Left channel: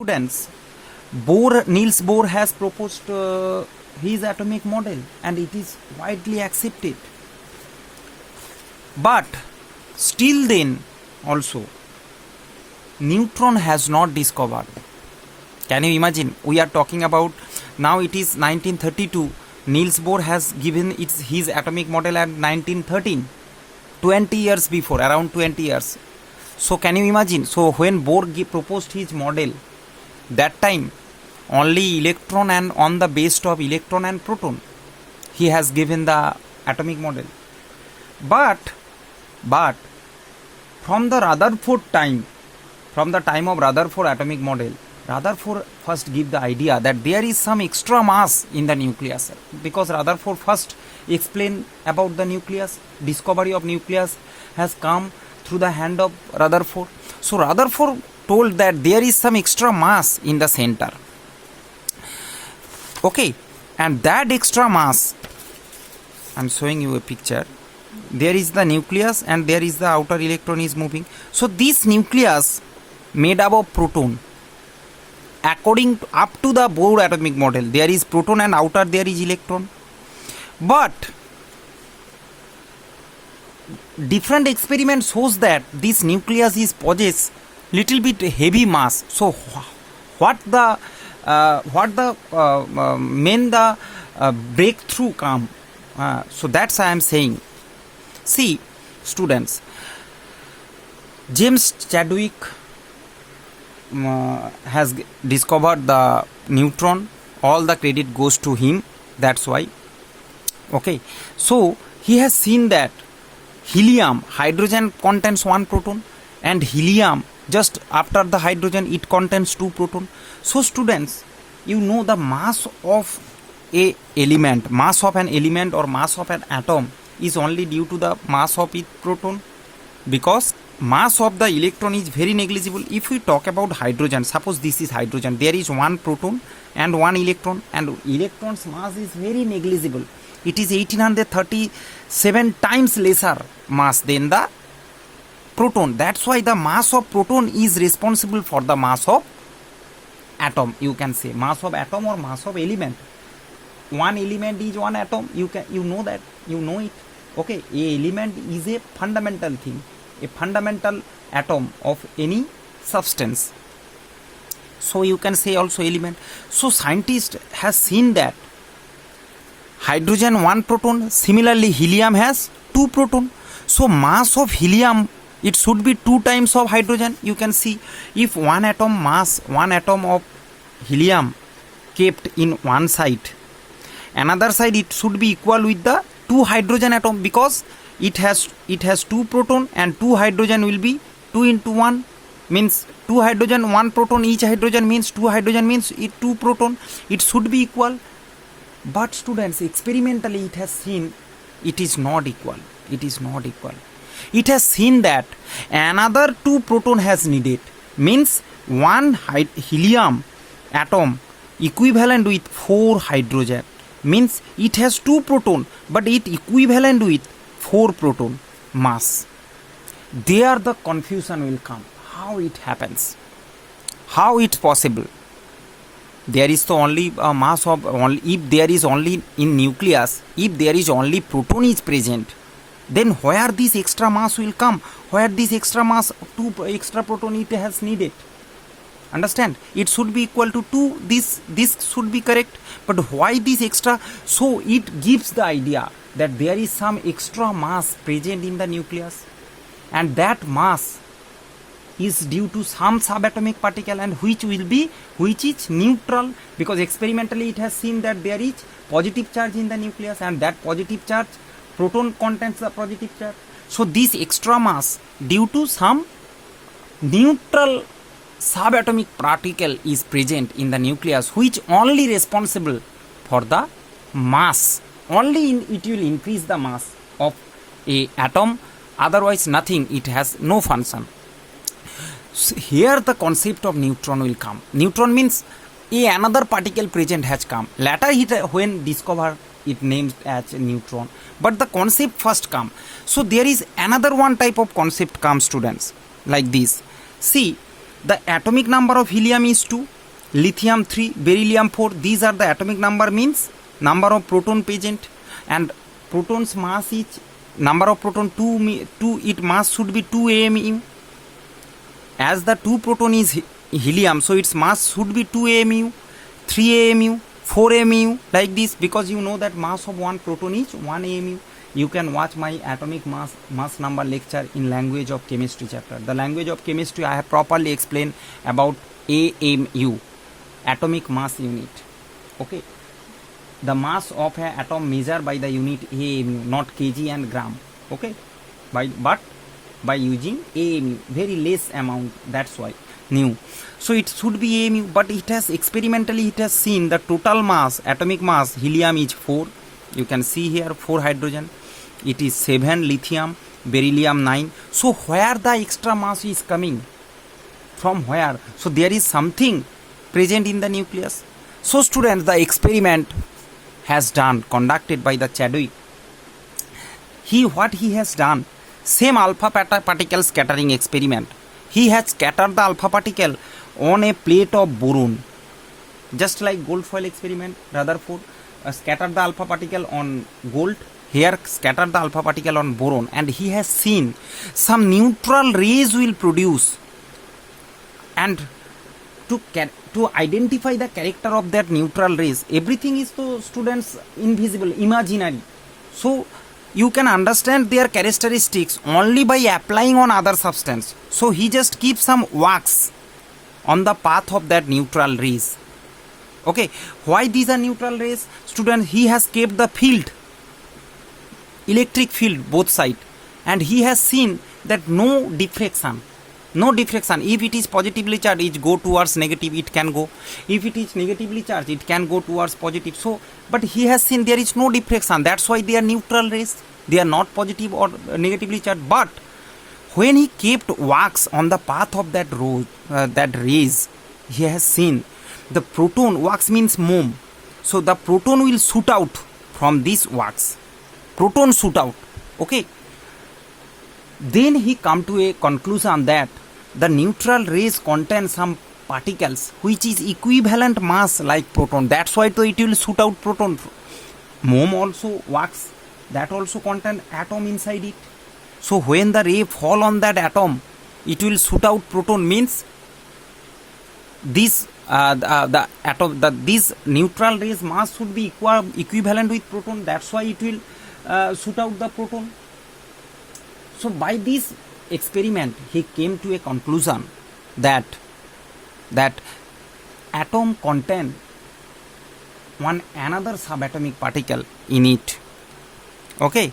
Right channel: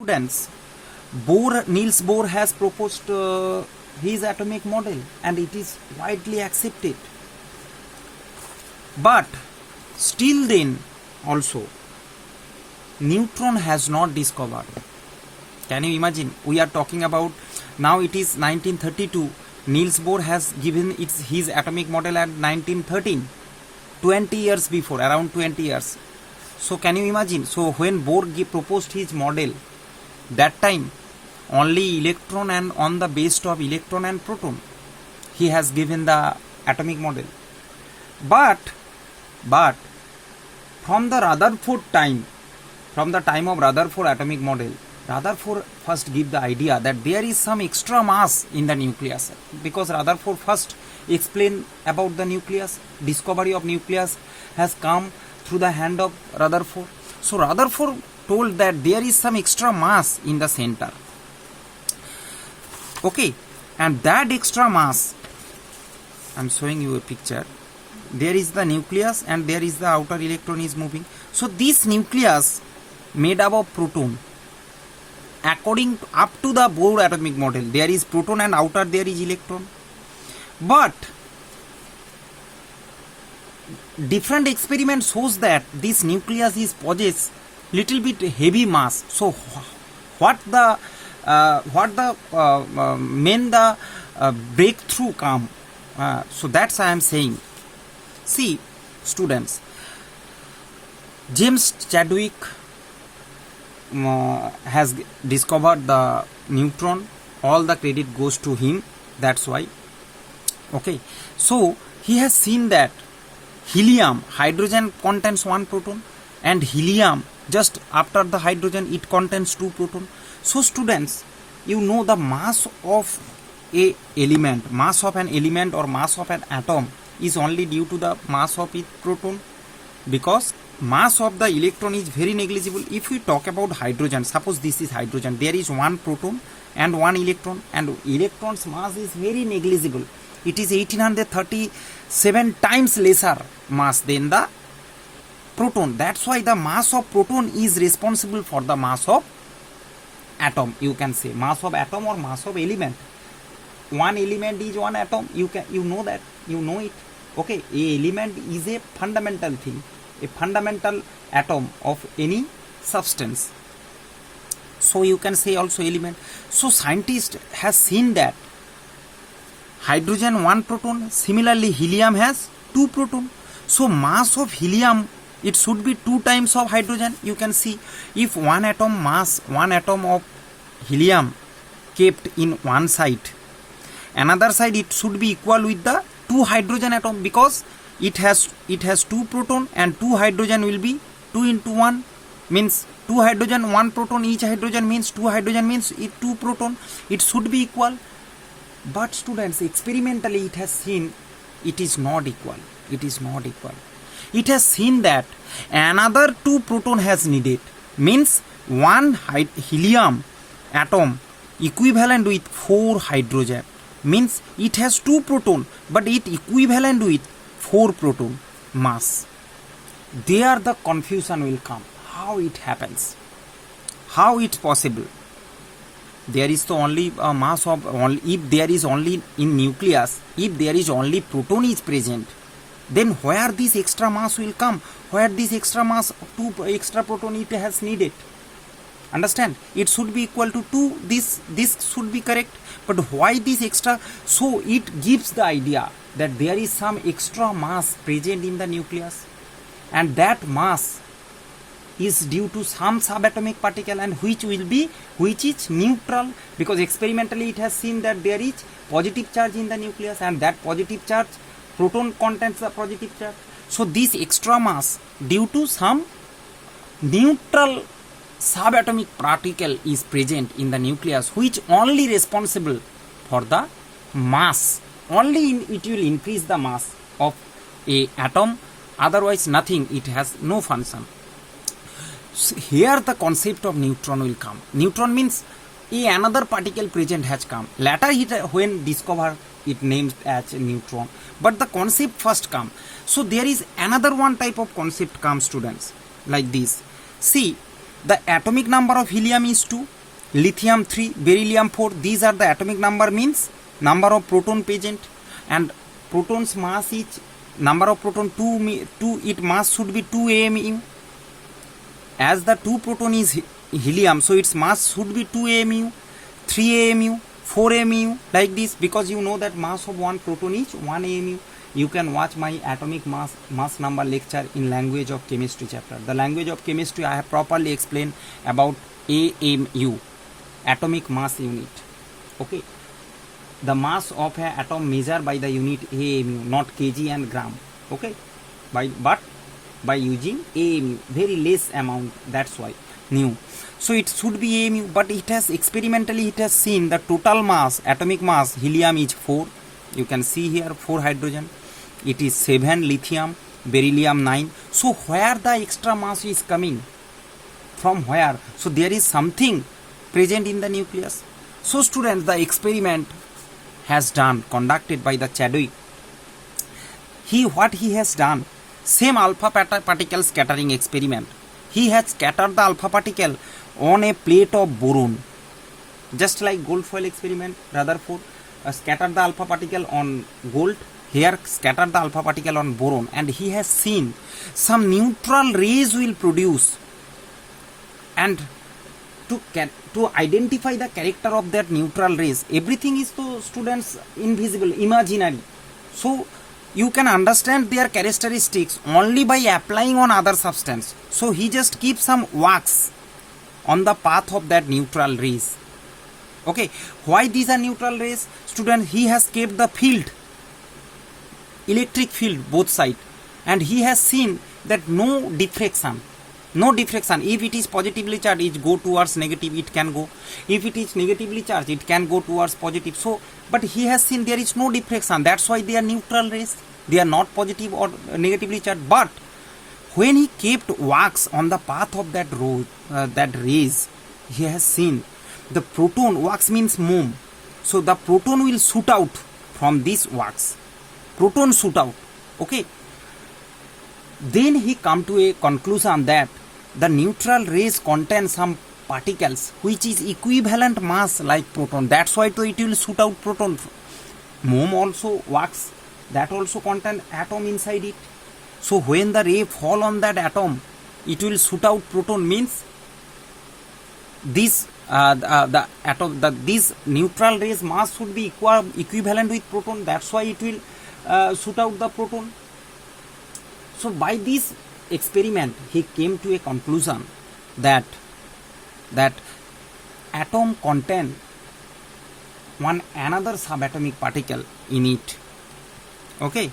Students, Niels Bohr has proposed his atomic model and it is widely accepted. But still then also neutron has not discovered. Can you imagine? We are talking about now it is 1932. Niels Bohr has given his atomic model at 1913, 20 years before, around 20 years. So can you imagine? So when Bohr proposed his model, that time only electron and on the base of electron and proton he has given the atomic model. But from the Rutherford time, from the time of Rutherford atomic model, Rutherford first give the idea that there is some extra mass in the nucleus, because Rutherford first explained about the nucleus. Discovery of nucleus has come through the hand of Rutherford. So Rutherford told that there is some extra mass in the center. Okay, and that extra mass, I'm showing you a picture. There is the nucleus and there is the outer electron is moving. So this nucleus made up of proton. According up to the Bohr atomic model, there is proton and outer there is electron. But different experiment shows that this nucleus is possess little bit heavy mass. So what the breakthrough come? So that's I am saying. See, students, James Chadwick has discovered the neutron. All the credit goes to him. That's why. Okay, so he has seen that helium, hydrogen contains one proton, and helium just after the hydrogen it contains two proton. So students, you know the mass of a element, mass of an element or mass of an atom is only due to the mass of its proton, because mass of the electron is very negligible. If we talk about hydrogen, suppose this is hydrogen, there is one proton and one electron, and electron's mass is very negligible. It is 1837 times lesser mass than the proton. That's why the mass of proton is responsible for the mass of atom. You can say mass of atom or mass of element. One element is one atom. You know that, you know it. Okay, a element is a fundamental thing, a fundamental atom of any substance. So you can say also element. So scientist has seen that hydrogen one proton, similarly helium has two proton. So mass of helium, it should be two times of hydrogen. You can see if one atom mass, one atom of helium kept in one side, another side it should be equal with the two hydrogen atom, because it has two proton and two hydrogen will be 2 into 1 means two hydrogen, one proton, each hydrogen means two hydrogen means two proton. It should be equal. But students, experimentally it has seen it is not equal. It is not equal. It has seen that another two proton has needed, means one helium atom equivalent with 4 hydrogen, means it has two proton but it equivalent with 4 proton mass. There the confusion will come. How it happens? How it possible? There is the only mass of only, if there is only in nucleus, if there is only proton is present, then where this extra mass will come? Where this extra mass, two extra proton it has needed? Understand? It should be equal to 2. This should be correct. But why this extra? So it gives the idea that there is some extra mass present in the nucleus, and that mass is due to some subatomic particle, and which is neutral, because experimentally it has seen that there is positive charge in the nucleus, and that positive charge, proton contains the positive charge. So this extra mass due to some neutral subatomic particle is present in the nucleus, which only responsible for the mass. Only it will increase the mass of a atom, otherwise nothing, it has no function. So here the concept of neutron will come. Neutron means another particle present has come. Later when discovered it named as neutron, but the concept first come. So there is another one type of concept comes, students, like this. See, The atomic number of helium is 2, lithium 3, beryllium 4. These are the atomic number, means number of proton present, and proton's mass is number of proton 2, it mass should be 2 AMU. As the 2 proton is helium, so its mass should be 2 AMU, 3 AMU, 4 AMU, like this, because you know that mass of one proton is 1 AMU. You can watch my atomic mass number lecture in language of chemistry chapter. The language of chemistry I have properly explained about AMU, atomic mass unit. Okay, the mass of an atom measured by the unit AMU, not kg and gram. Okay, but by using AMU, very less amount, that's why new. So it should be AMU, but it has experimentally it has seen the total mass, atomic mass, helium is 4. You can see here 4 hydrogen. It is 7 lithium, beryllium 9. So where the extra mass is coming? From where? So there is something present in the nucleus. So students, the experiment has done, conducted by the Chadwick. What he has done, same alpha particle scattering experiment. He has scattered the alpha particle on a plate of boron, just like gold foil experiment. Rutherford scattered the alpha particle on gold. Here scattered the alpha particle on boron, and he has seen some neutral rays will produce. And to identify the character of that neutral rays, everything is to students invisible, imaginary. So you can understand their characteristics only by applying on other substance. So he just keeps some wax on the path of that neutral rays. Okay, why these are neutral rays? Students, he has kept the field, electric field, both side, and he has seen that no diffraction. If it is positively charged, it go towards negative, it can go. If it is negatively charged, it can go towards positive. So, but he has seen there is no diffraction. That's why they are neutral rays. They are not positive or negatively charged. But when he kept wax on the path of that rays, he has seen the proton. Wax means moon. So the proton will shoot out from this wax. Proton shoot out. Okay. Then he come to a conclusion that the neutral rays contain some particles which is equivalent mass like proton. That's why it will shoot out proton. Moon also, wax, that also contain atom inside it. So when the ray fall on that atom, it will shoot out proton, means this these neutral rays mass should be equivalent with proton. That's why it will shoot out the proton. So by this experiment, he came to a conclusion that atom contain another subatomic particle in it. Okay,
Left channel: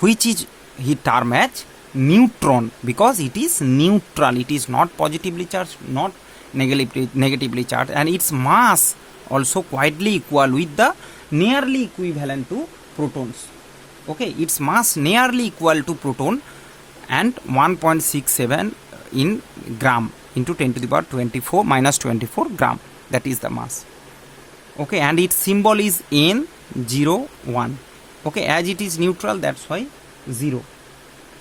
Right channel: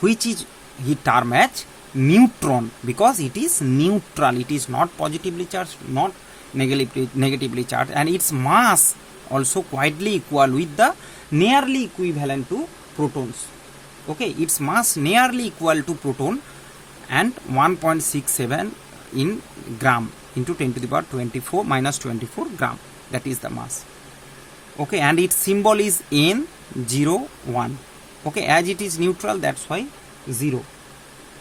which is he term as neutron, because it is neutral. It is not positively charged, not negatively charged, and its mass also quietly equal with the nearly equivalent to protons. Okay, its mass nearly equal to proton, and 1.67 in gram into 10 to the power 24 minus 24 gram. That is the mass. Okay, and its symbol is N01. Okay, as it is neutral, that's why 0,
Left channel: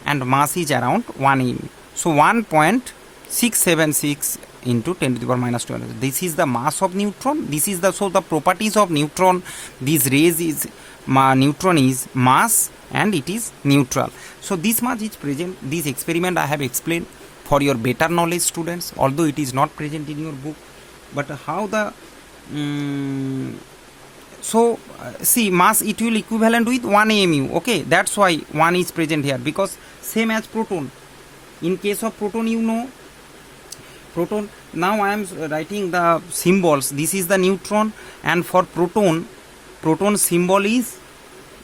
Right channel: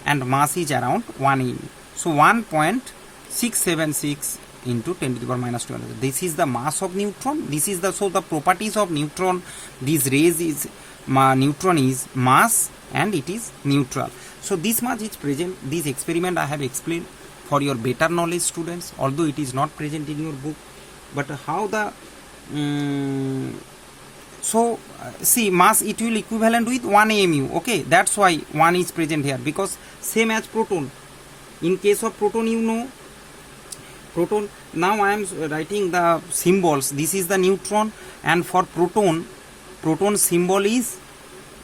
and mass is around 1 m. So 1.676 into 10 to the power minus 20. This is the mass of neutron. This is the properties of neutron. These rays is neutron is mass and it is neutral. So this much is present. This experiment I have explained for your better knowledge, students, although it is not present in your book. But how the see, mass it will equivalent with 1 AMU. Okay, that's why 1 is present here, because same as proton. In case of proton, you know, proton, now I am writing the symbols. This is the neutron, and for proton symbol is,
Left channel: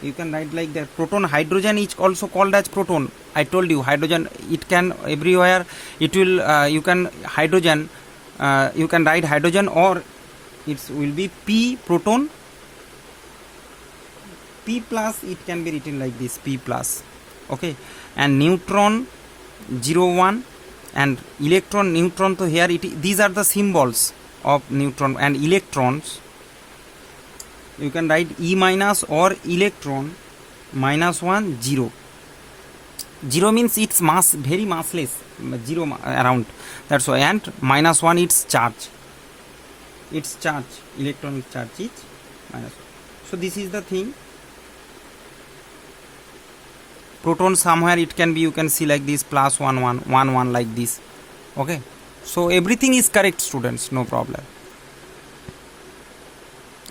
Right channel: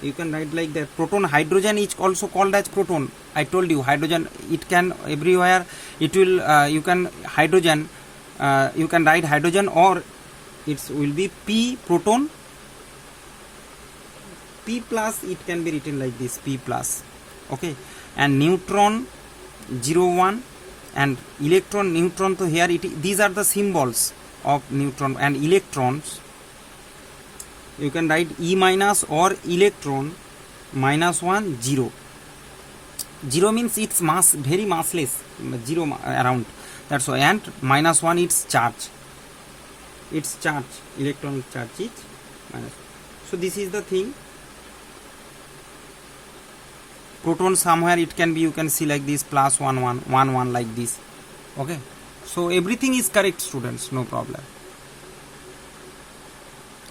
you can write like that. Proton, hydrogen is also called as proton. I told you hydrogen, it can everywhere, it will you can hydrogen, you can write hydrogen, or it will be P proton, P plus, it can be written like this, P plus. Okay, and neutron 01, and electron, neutron, so here these are the symbols of neutron. And electrons, you can write E minus or electron minus 1 0. Zero means its mass very massless, zero around. That's why. And -1 its charge. Its charge, electronic charge is minus. So this is the thing. Proton somewhere it can be, you can see like this, +1 like this. Okay. So everything is correct, students, no problem.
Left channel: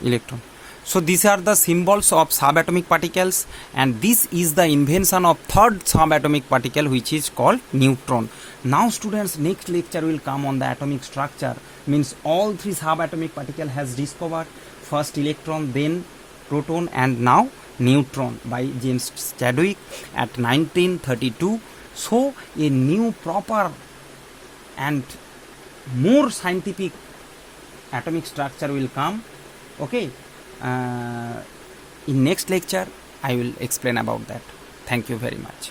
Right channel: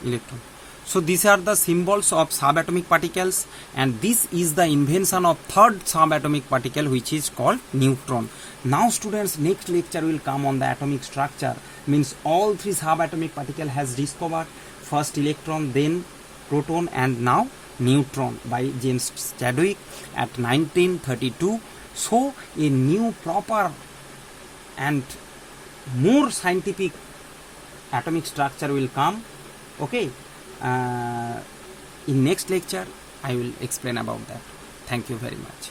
Electron. So these are the symbols of subatomic particles, and this is the invention of third subatomic particle, which is called neutron. Now students, next lecture will come on the atomic structure, means all three subatomic particle has discovered, first electron, then proton, and now neutron by James Chadwick at 1932. So a new proper and more scientific atomic structure will come. Okay. In next lecture I will explain about that. Thank you very much.